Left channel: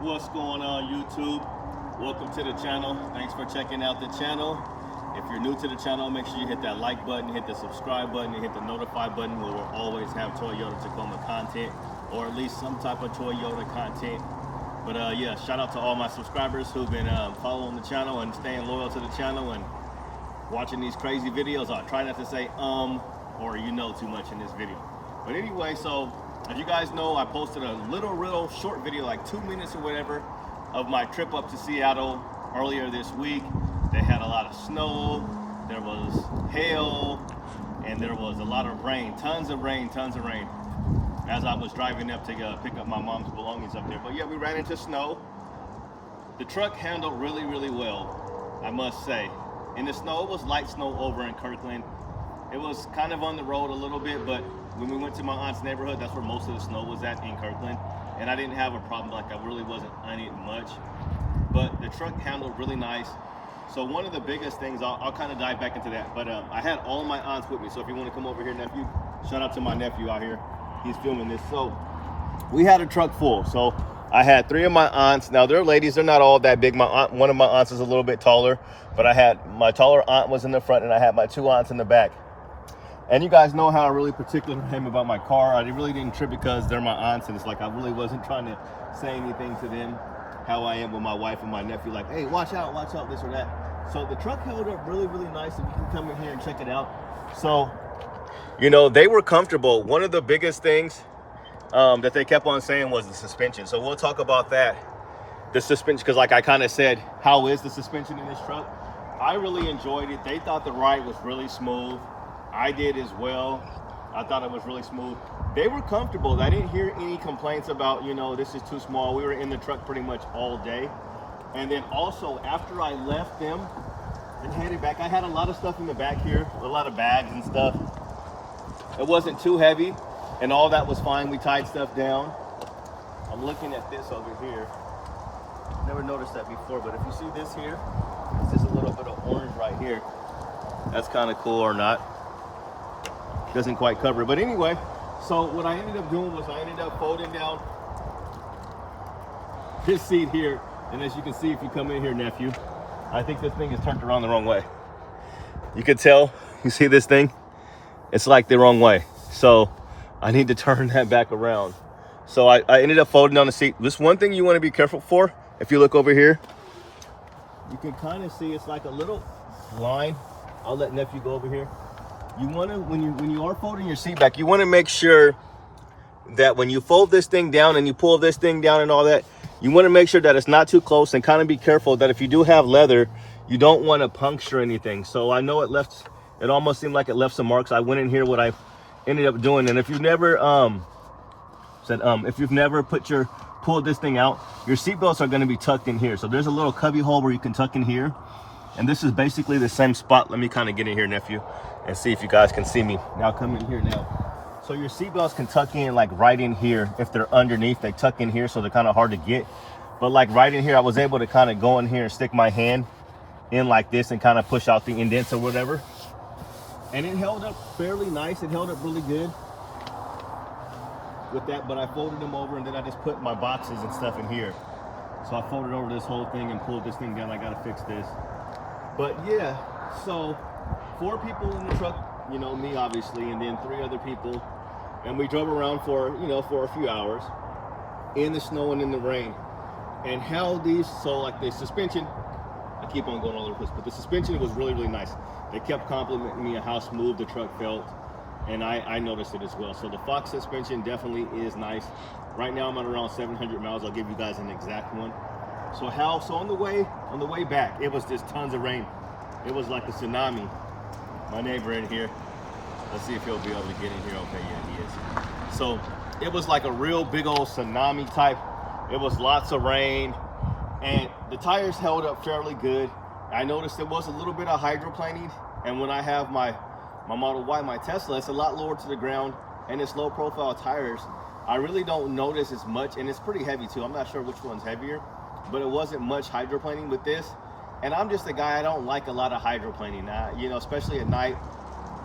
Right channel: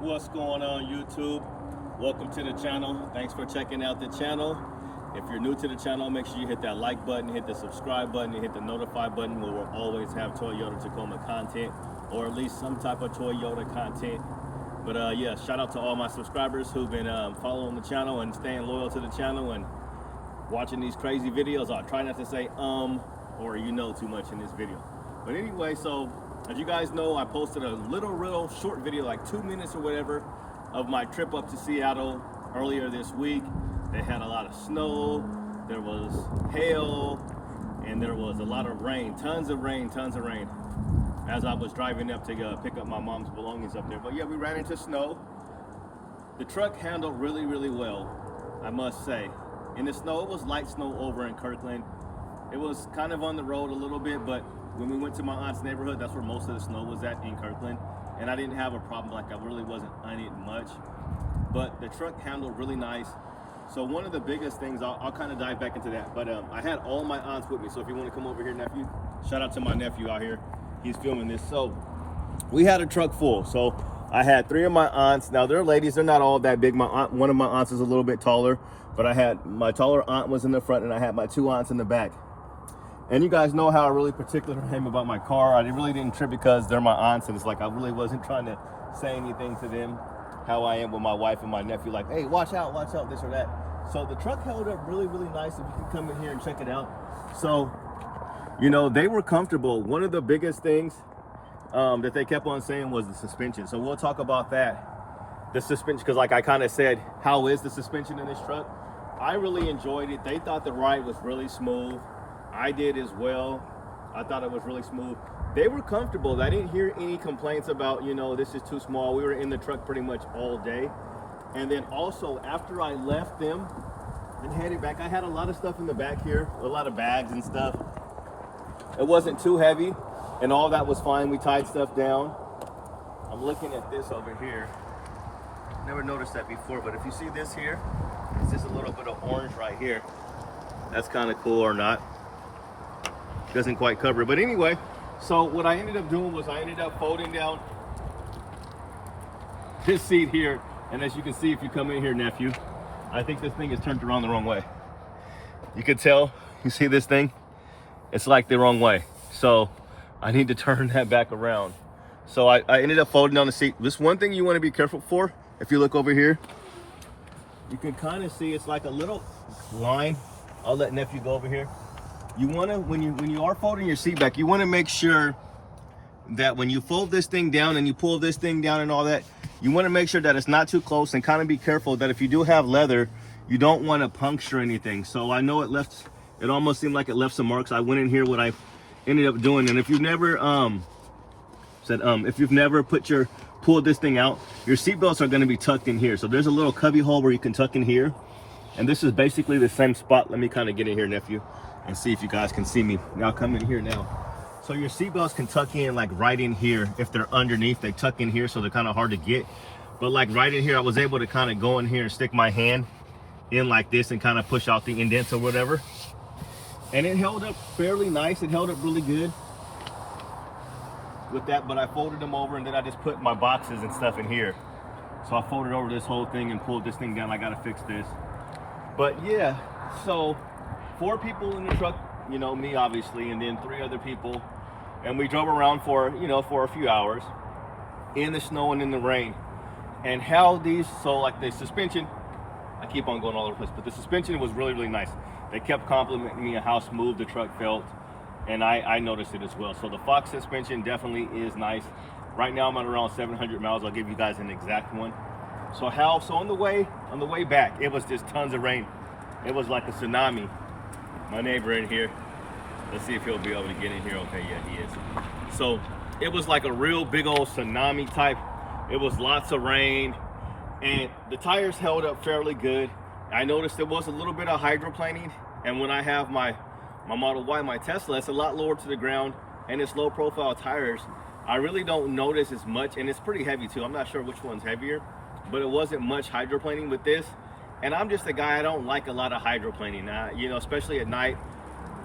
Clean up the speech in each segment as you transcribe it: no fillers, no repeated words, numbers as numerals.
What's going on, YouTube? Welcome to the channel. Thanks for checking out the channel. If you're new to the channel, make sure you hit that like button, hit the subscribe button, and hit the notify button, where we'll always have Toyota Tacoma content, or at least some type of Toyota content. But yeah, shout out to all my subscribers who've been following the channel and staying loyal to the channel and watching these crazy videos. I'll try not to say or you know too much in this video. But anyway, so as you guys know, I posted a real short video, like 2 minutes or whatever, of my trip up to Seattle earlier this week. They had a lot of snow, there was hail, and there was a lot of rain, tons of rain, as I was driving up to pick up my mom's belongings up there. But yeah, we ran into snow. The truck handled really well, I must say. In the snow, it was light snow over in Kirkland. It was kind of on the road a little bit, but when we went to my aunt's neighborhood, that's where most of the snow was at, in Kirkland. And I didn't have a problem, like I really wasn't on it much. But the truck handled really nice. So one of the biggest things, I'll kind of dive back into that. But I had all my aunts with me. So if you want to come over here, nephew, shout out to my nephew out here. He's filming this. So we had a truck full. So I had 3 of my aunts. Now they're ladies, they're not all that big. One of my aunts is a little bit taller, but I had my taller aunt was in the front and I had my 2 aunts in the back. And you guys know how I really particular am about my car. I really didn't trip because they're my aunts, and it's like I really wasn't trying to say anything to them how I am with my wife and my nephew, like, hey, watch out, this or that. So the truck held up really nice. If you can come in here and check it out. So, you know, they were comfortable. One of the biggest things that they kept on saying was the suspension. So we'll talk about that. The suspension, because like I kind of said, how is the suspension in this truck? I really enjoyed it. They thought the ride was really smooth. I did as well. I thought it was really smooth. They were comfortable. I didn't hear any complaints about, you know, this is too small. We were in the truck pretty much all day. And then also after I left them and headed back, I had a lot of stuff in the back here, a lot of bags and stuff. It wasn't too heavy and all that was fine. We tied stuff down. I'm looking at this over here. Never noticed that before, but if you see this here, it's just a little bit of orange right here. That's kind of cool or not. Doesn't quite cover it, but anyway, so what I ended up doing was I ended up folding down this seat here, and as you can see, if you come in here, nephew, I think this thing is turned around the wrong way. You can tell, you see this thing, it's like the wrong way, so I need to turn that back around. So I ended up folding down the seat. This one thing you want to be careful for, if you look over here, you can kind of see it's like a little line. I'll let nephew go over here. You want to, when you are folding your seat back, you want to make sure that when you fold this thing down and you pull this thing down and all that, you want to make sure that it's not too close, and kind of be careful that if you do have leather, you don't want to puncture anything. So I know it almost seemed like it left some marks. I went in here, what I ended up doing, and if you've never pulled this thing out, your seat belts are going to be tucked in here. So there's a little cubby hole where you can tuck in here, and this is basically the same spot. Let me kind of get in here, nephew, and see if you guys can see me. Now come in here now. So your seatbelts can tuck in like right in here. If they're underneath, they tuck in here, so they're kind of hard to get. But like right in here, I was able to kind of go in here and stick my hand in like this and kind of push out the indents or whatever. And it held up fairly nice. It held up really good with that, but I folded them over and then I just put my boxes and stuff in here. So I folded over this whole thing and pulled this thing down. I gotta fix this. But yeah, so 4 people in the truck, you know, me obviously, and then 3 other people, and we drove around for a few hours in the snow and in the rain. And how so like the suspension, I keep on going all over the place, but the suspension was really nice. They kept complimenting me on how smooth the truck felt, and I noticed it as well. So the Fox suspension definitely is nice. Right now I'm at around 700 miles. I'll give you guys an exact one. So on the way back, it was just tons of rain. It was like a tsunami. My neighbor in here, let's see if he'll be able to get in here. Okay, yeah, he is. So it was like a real big old tsunami type. It was lots of rain, and the tires held up fairly good. I noticed there was a little bit of hydroplaning, and when I have my Model Y, my Tesla, it's a lot lower to the ground, and it's low profile tires. I really don't notice as much, and it's pretty heavy too. I'm not sure which one's heavier, but it wasn't much hydroplaning with this. And I'm just a guy, I don't like a lot of hydroplaning, you know, especially at night,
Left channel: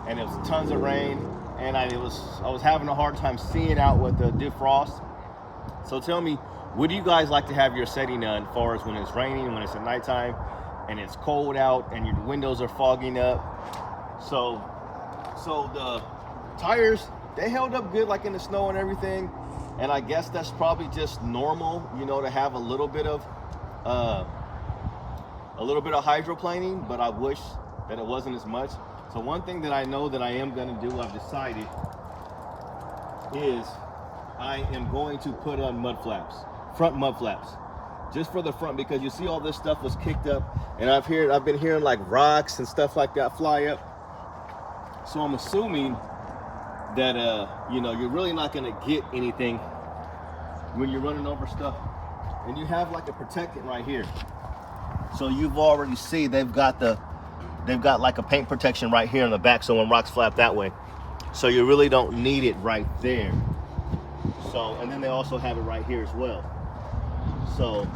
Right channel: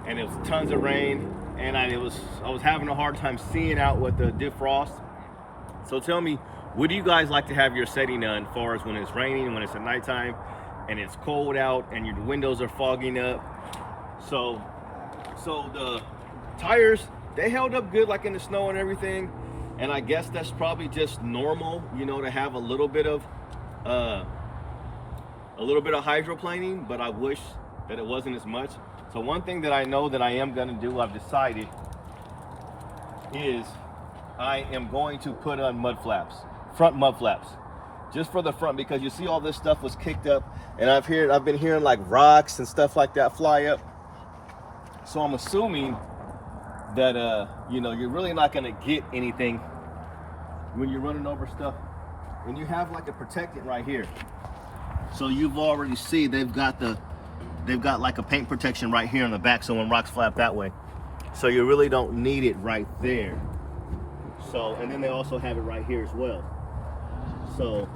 and it was tons of rain, and I was having a hard time seeing out with the defrost. So tell me, What do you guys like to have your setting on, as far as when it's raining, when it's at nighttime, and it's cold out, and your windows are fogging up? So the tires, they held up good, like in the snow and everything. And I guess that's probably just normal, you know, to have a little bit of hydroplaning, but I wish that it wasn't as much. So one thing that I know that I am gonna do, I've decided, is I am going to put on mud flaps, front mud flaps, just for the front, because you see all this stuff was kicked up, and I've been hearing like rocks and stuff like that fly up. So I'm assuming that you know, you're really not gonna get anything when you're running over stuff. And you have like a protectant right here. So you've already see they've got like a paint protection right here in the back, so when rocks flap that way. So you really don't need it right there. So, and then they also have it right here as well. So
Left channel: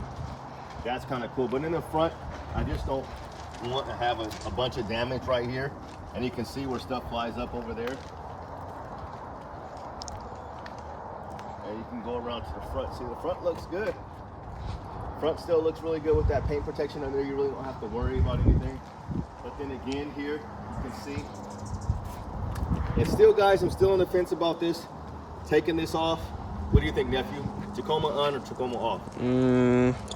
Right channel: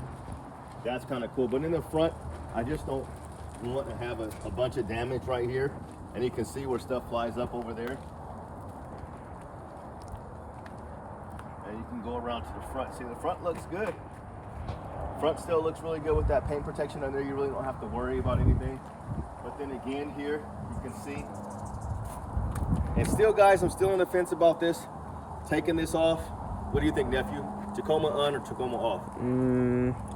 that's kind of cool. But in the front, I just don't want to have a bunch of damage right here. And you can see where stuff flies up over there. And you can go around to the front. See, the front looks good. Front still looks really good with that paint protection in there. You really don't have to worry about anything. But then again here, you can see. And still, guys, I'm still on the fence about this. Taking this off. What do you think, nephew? Tacoma on or Tacoma off?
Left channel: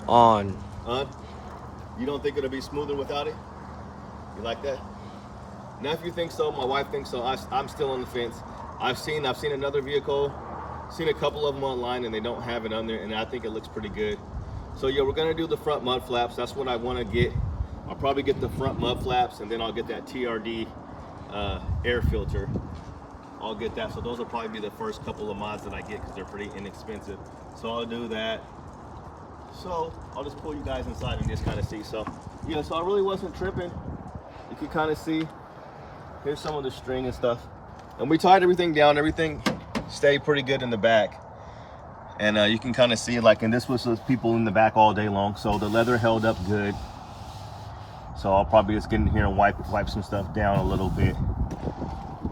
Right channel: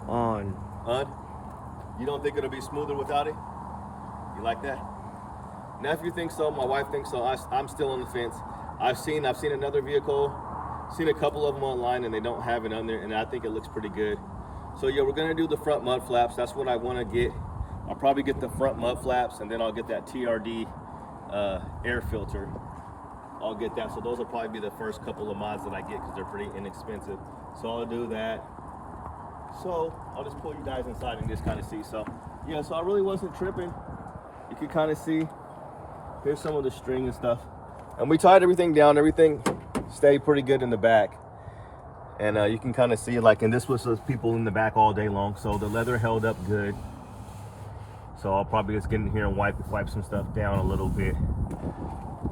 On. On? You don't think it'll be smoother without it? You like that? Nephew thinks so. My wife thinks so. I'm still on the fence. I've seen another vehicle, seen a couple of them online, and they don't have it on there, and I think it looks pretty good. So yeah, we're gonna do the front mud flaps. That's what I want to get. I'll probably get the front mud flaps, and then I'll get that TRD air filter. I'll get that. So those will probably be the first couple of mods that I get, because they're pretty inexpensive. So I'll do that. So I'll just pull you guys inside and just kind of see. So yeah, so I really wasn't tripping. You can kind of see. Here's some of the string and stuff. And we tied everything down. Everything stayed pretty good in the back. And you can kind of see, like, and this was those people in the back all day long. So the leather held up good. So I'll probably just get in here and wipe some stuff down a little bit.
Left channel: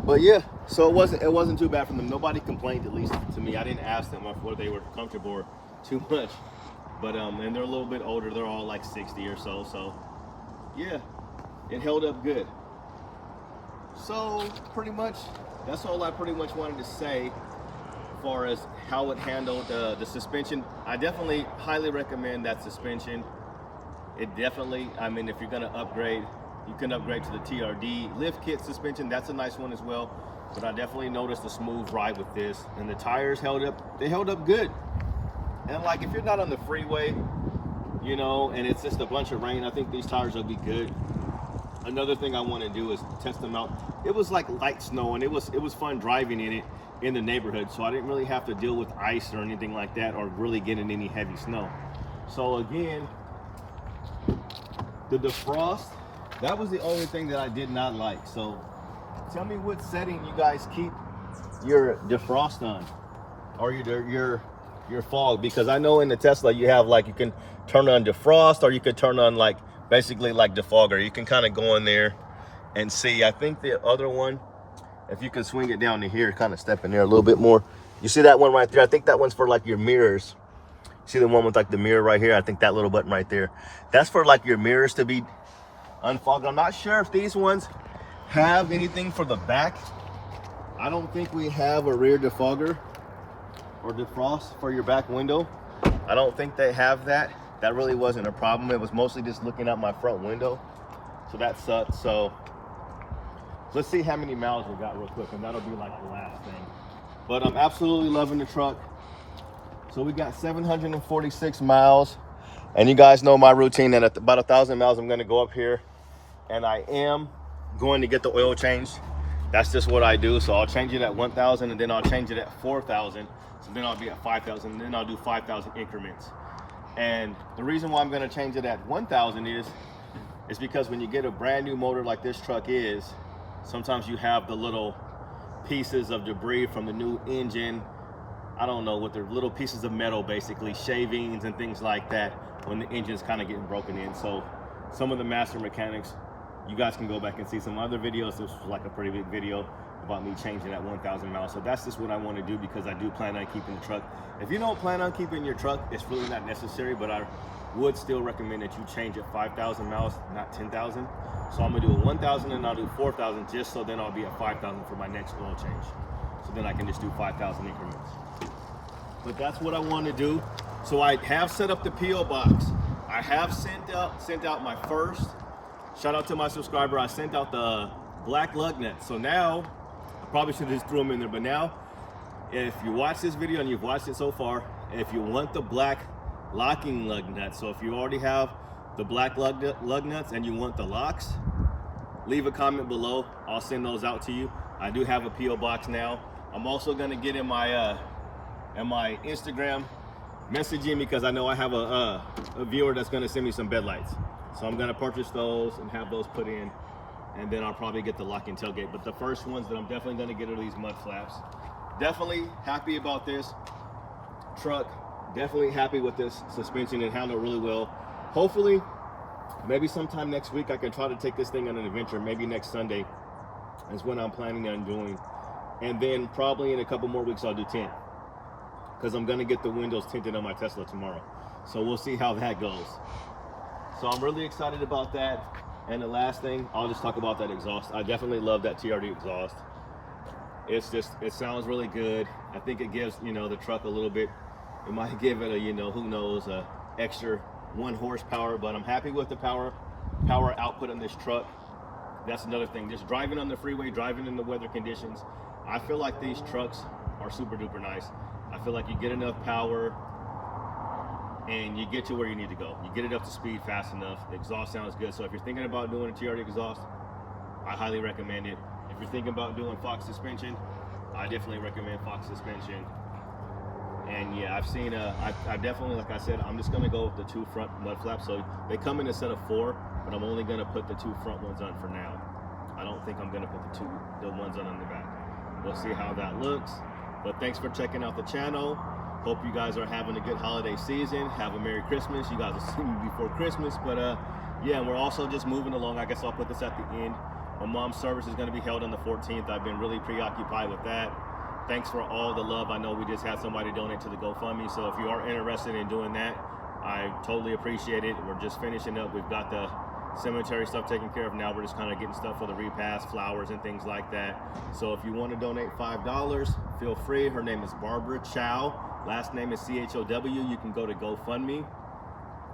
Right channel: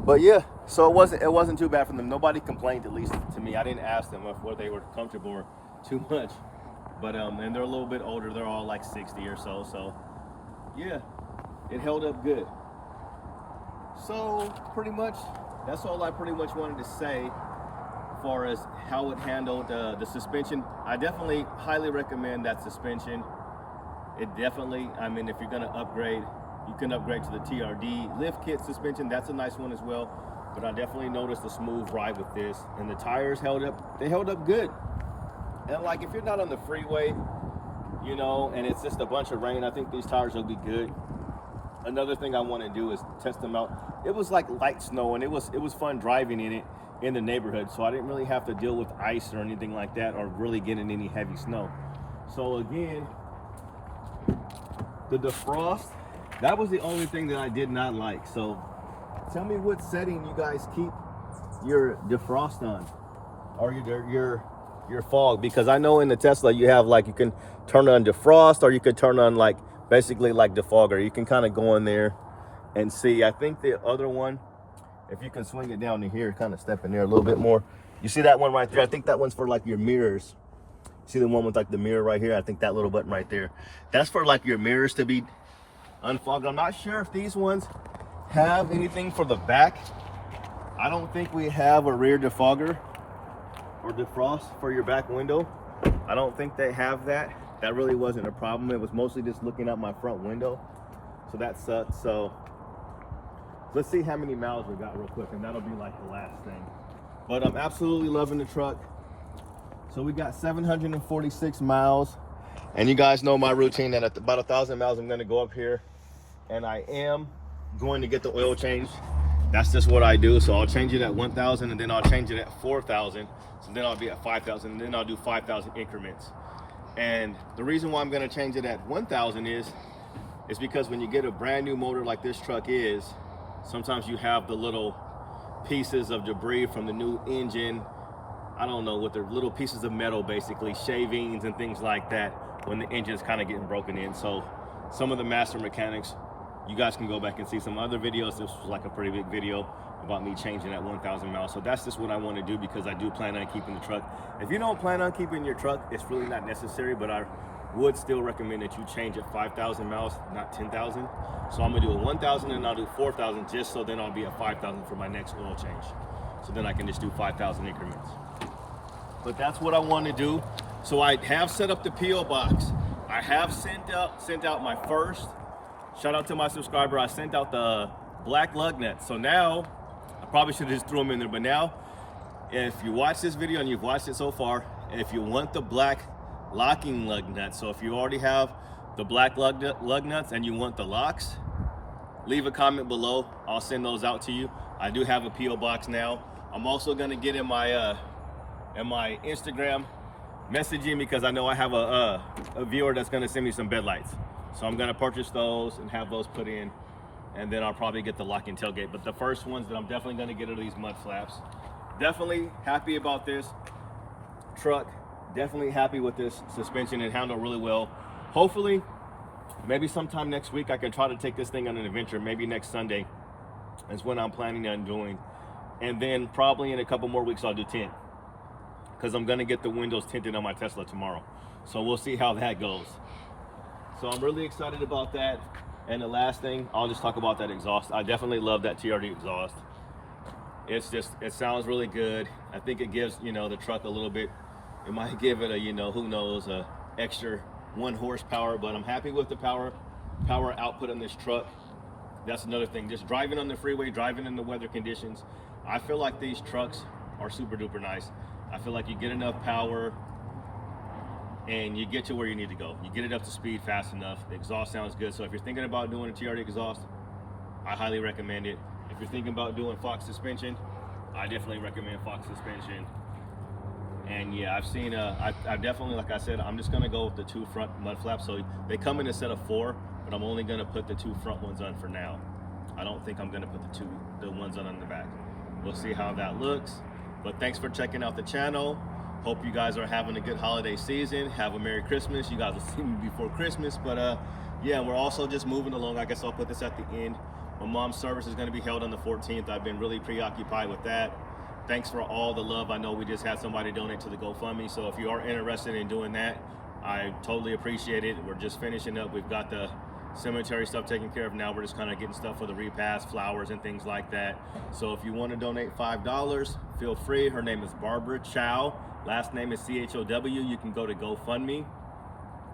But yeah, so it wasn't too bad for them. Nobody complained, at least to me. I didn't ask them whether they were comfortable or too much. But and they're a little bit older. They're all like 60 or so. So yeah, it held up good. So pretty much, that's all I pretty much wanted to say as far as how it handled the suspension. I definitely highly recommend that suspension. It definitely, I mean, if you're gonna upgrade, you can upgrade to the TRD lift kit suspension. That's a nice one as well. But I definitely noticed a smooth ride with this. And the tires held up, they held up good. And like, if you're not on the freeway, you know, and it's just a bunch of rain, I think these tires will be good. Another thing I want to do is test them out. It was like light snow, and it was fun driving in it in the neighborhood, so I didn't really have to deal with ice or anything like that, or really getting any heavy snow. So again, the defrost, that was the only thing that I did not like. So tell me what setting you guys keep your defrost on, or your fog, because I know in the Tesla you have, like, you can turn on defrost, or you could turn on like basically like defogger. You can kind of go in there and see. I think the other one, if you can swing it down to here, kind of step in there a little bit more. You see that one right there? I think that one's for like your mirrors. See the one with like the mirror right here? I think that little button right there, that's for like your mirrors to be unfogged. I'm not sure if these ones have anything for the back. I don't think we have a rear defogger or defrost for your back window. I don't think they have that. That really wasn't a problem. It was mostly just looking out my front window. So that sucked. So let's see how many miles we got real quick, and that'll be like the last thing. But I'm absolutely loving the truck. So we got 746 miles. And you guys know my routine, that at about 1,000 miles, I'm gonna go up here and I am going to get the oil changed. That's just what I do. So I'll change it at 1,000, and then I'll change it at 4,000. So then I'll be at 5,000, and then I'll do 5,000 increments. And the reason why I'm gonna change it at 1,000 is because when you get a brand new motor like this truck is, sometimes you have the little pieces of debris from the new engine. I don't know what they're, little pieces of metal, basically shavings and things like that, when the engine's kind of getting broken in. So some of the master mechanics, you guys can go back and see some other videos. This was like a pretty big video about me changing that 1,000 miles. So that's just what I want to do, because I do plan on keeping the truck. If you don't plan on keeping your truck, it's really not necessary, but I would still recommend that you change at 5,000 miles, not 10,000. So I'm gonna do a 1,000 and I'll do 4,000, just so then I'll be at 5,000 for my next oil change. So then I can just do 5,000 increments. But that's what I want to do. So I have set up the PO box. I have sent out my first. Shout out to my subscriber. I sent out the black lug nuts. So now, I probably should have just threw them in there, but now, if you watch this video and you've watched it so far, if you want the black locking lug nuts, so if you already have the black lug nuts and you want the locks, leave a comment below. I'll send those out to you. I do have a PO box now. I'm also gonna get in my Instagram messaging, because I know I have a viewer that's gonna send me some bed lights. So I'm gonna purchase those and have those put in, and then I'll probably get the locking tailgate. But the first ones that I'm definitely gonna get are these mud flaps. Definitely happy about this truck. Definitely happy with this suspension. It handled really well. Hopefully, maybe sometime next week I can try to take this thing on an adventure. Maybe next Sunday is when I'm planning on doing. And then probably in a couple more weeks I'll do tint, because I'm gonna get the windows tinted on my Tesla tomorrow. So we'll see how that goes. So I'm really excited about that. And the last thing, I'll just talk about that exhaust. I definitely love that TRD exhaust. It sounds really good. I think it gives, the truck a little bit, it might give it a, who knows, a extra 1 horsepower, but I'm happy with the power output on this truck. That's another thing, just driving on the freeway, driving in the weather conditions. I feel like these trucks are super duper nice. I feel like you get enough power and you get to where you need to go. You get it up to speed fast enough. The exhaust sounds good. So if you're thinking about doing a TRD exhaust, I highly recommend it. If you're thinking about doing Fox suspension, I definitely recommend Fox suspension. And yeah, I've seen, I definitely, like I said, I'm just gonna go with the 2 front mud flaps. So they come in a set of 4, but I'm only gonna put the 2 front ones on for now. I don't think I'm gonna put the ones on the back. We'll see how that looks. But thanks for checking out the channel. Hope you guys are having a good holiday season. Have a Merry Christmas. You guys will see me before Christmas. But yeah, we're also just moving along. I guess I'll put this at the end. My mom's service is going to be held on the 14th. I've been really preoccupied with that. Thanks for all the love. I know we just had somebody donate to the GoFundMe. So if you are interested in doing that, I totally appreciate it. We're just finishing up. We've got the cemetery stuff taken care of. Now we're just kind of getting stuff for the repast, flowers and things like that. So if you want to donate $5, feel free. Her name is Barbara Chow. Last name is CHOW. You can go to GoFundMe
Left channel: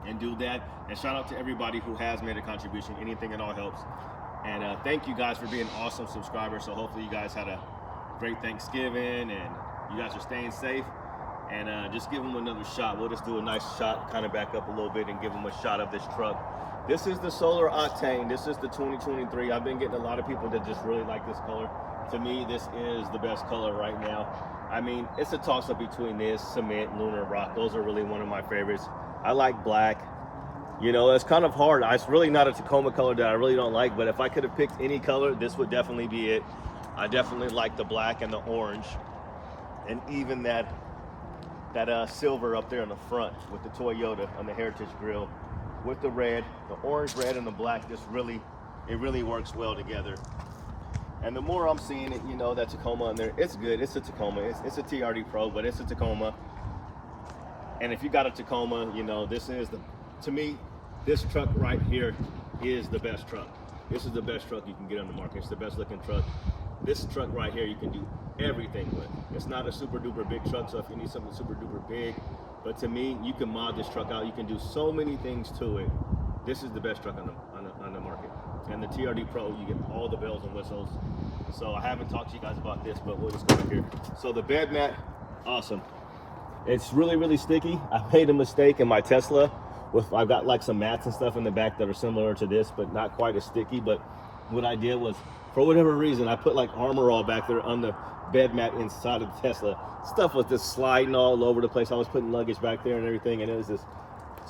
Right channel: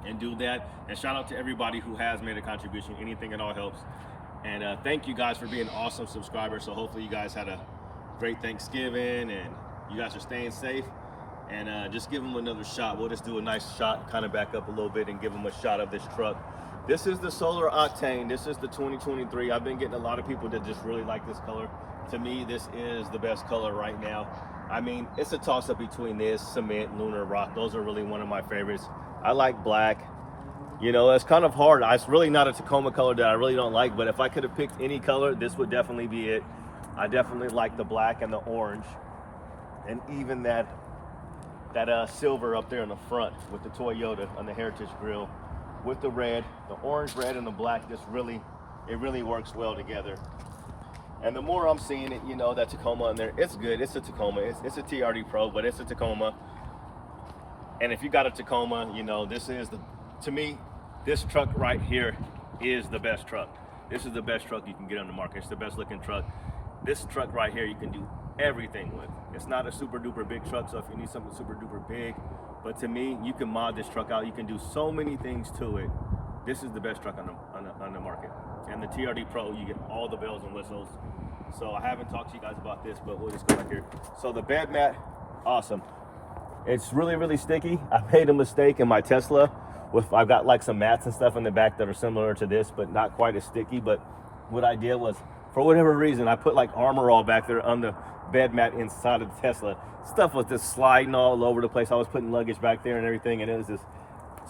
and do that. And shout out to everybody who has made a contribution. Anything at all helps. And thank you guys for being awesome subscribers. So hopefully you guys had a great Thanksgiving and you guys are staying safe. And just give them another shot. We'll just do a nice shot, kind of back up a little bit and give them a shot of this truck. This is the Solar Octane. This is the 2023. I've been getting a lot of people that just really like this color. To me, this is the best color right now. I mean, it's a toss-up between this, cement, lunar, rock. Those are really one of my favorites. I like black. It's kind of hard. It's really not a Tacoma color that I really don't like, but if I could have picked any color, this would definitely be it. I definitely like the black and the orange, and even that silver up there in the front with the Toyota on the Heritage Grill, with the red, the orange, red, and the black. It really works well together. And the more I'm seeing it, that Tacoma on there, it's good. It's a Tacoma. It's a TRD Pro, but it's a Tacoma. And if you got a Tacoma, this is to me, this truck right here is the best truck. This is the best truck you can get on the market. It's the best looking truck. This truck right here, you can do everything with. It's not a super duper big truck, so if you need something super duper big, but to me, you can mod this truck out. You can do so many things to it. This is the best truck on the market. And the TRD Pro, you get all the bells and whistles. So I haven't talked to you guys about this, but we'll just go back here. So the bed mat, awesome. It's really, really sticky. I made a mistake in my Tesla. I've got like some mats and stuff in the back that are similar to this, but not quite as sticky. But what I did was, for whatever reason, I put like Armor All back there on the bed mat inside of the Tesla. Stuff was just sliding all over the place. I was putting luggage back there and everything, and it was just,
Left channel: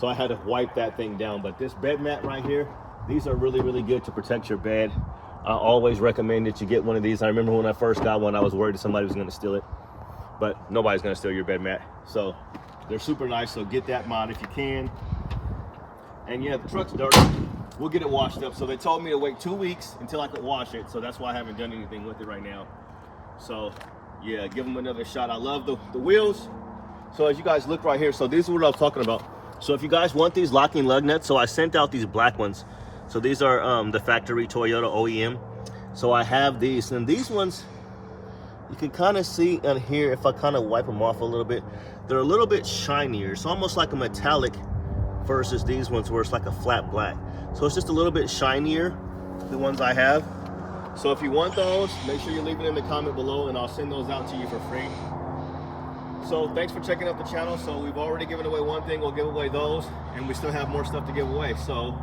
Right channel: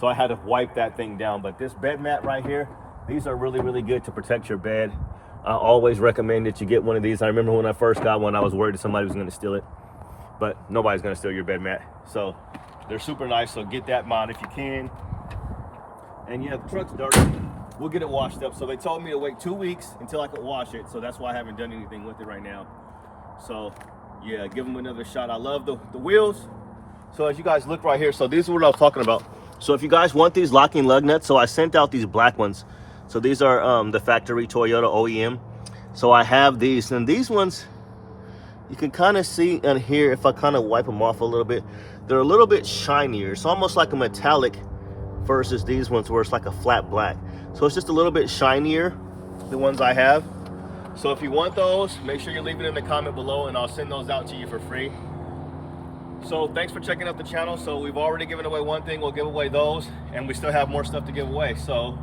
so I had to wipe that thing down. But this bed mat right here, these are really, really good to protect your bed. I always recommend that you get one of these. I remember when I first got one, I was worried that somebody was going to steal it, but nobody's going to steal your bed mat. So they're super nice. So get that mod if you can. And yeah, the truck's dirty. We'll get it washed up. So they told me to wait 2 weeks until I could wash it. So that's why I haven't done anything with it right now. So yeah, give them another shot. I love the wheels. So as you guys look right here, so these are what I was talking about. So if you guys want these locking lug nuts, so I sent out these black ones. So these are the factory Toyota OEM. So I have these, and these ones, you can kind of see in here, if I kind of wipe them off a little bit, they're a little bit shinier. It's almost like a metallic versus these ones where it's like a flat black. So it's just a little bit shinier, the ones I have. So if you want those, make sure you leave it in the comment below and I'll send those out to you for free. So thanks for checking out the channel. So we've already given away one thing, we'll give away those, and we still have more stuff to give away. So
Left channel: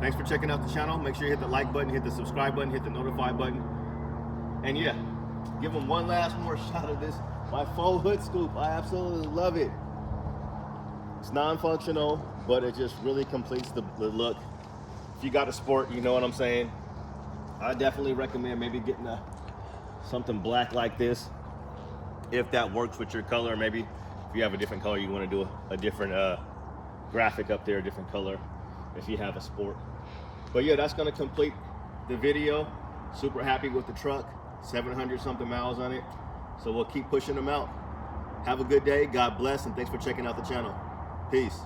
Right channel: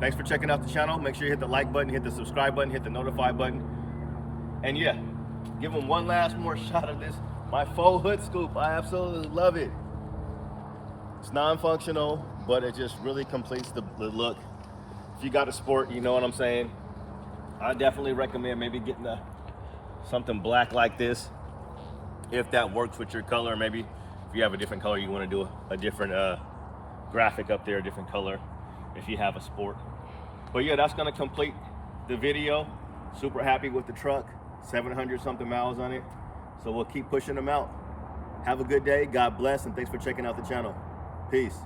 thanks for checking out the channel. Make sure you hit the like button, hit the subscribe button, hit the notify button. And yeah, give them one last more shot of this, my faux hood scoop. I absolutely love it. It's non-functional, but it just really completes the look. If you got a sport, you know what I'm saying. I definitely recommend maybe getting something black like this, if that works with your color. Maybe if you have a different color, you want to do a different graphic up there, a different color if you have a sport. But yeah, that's going to complete the video. Super happy with the truck, 700 something miles on it. So we'll keep pushing them out. Have a good day, God bless, and thanks for checking out the channel. Peace.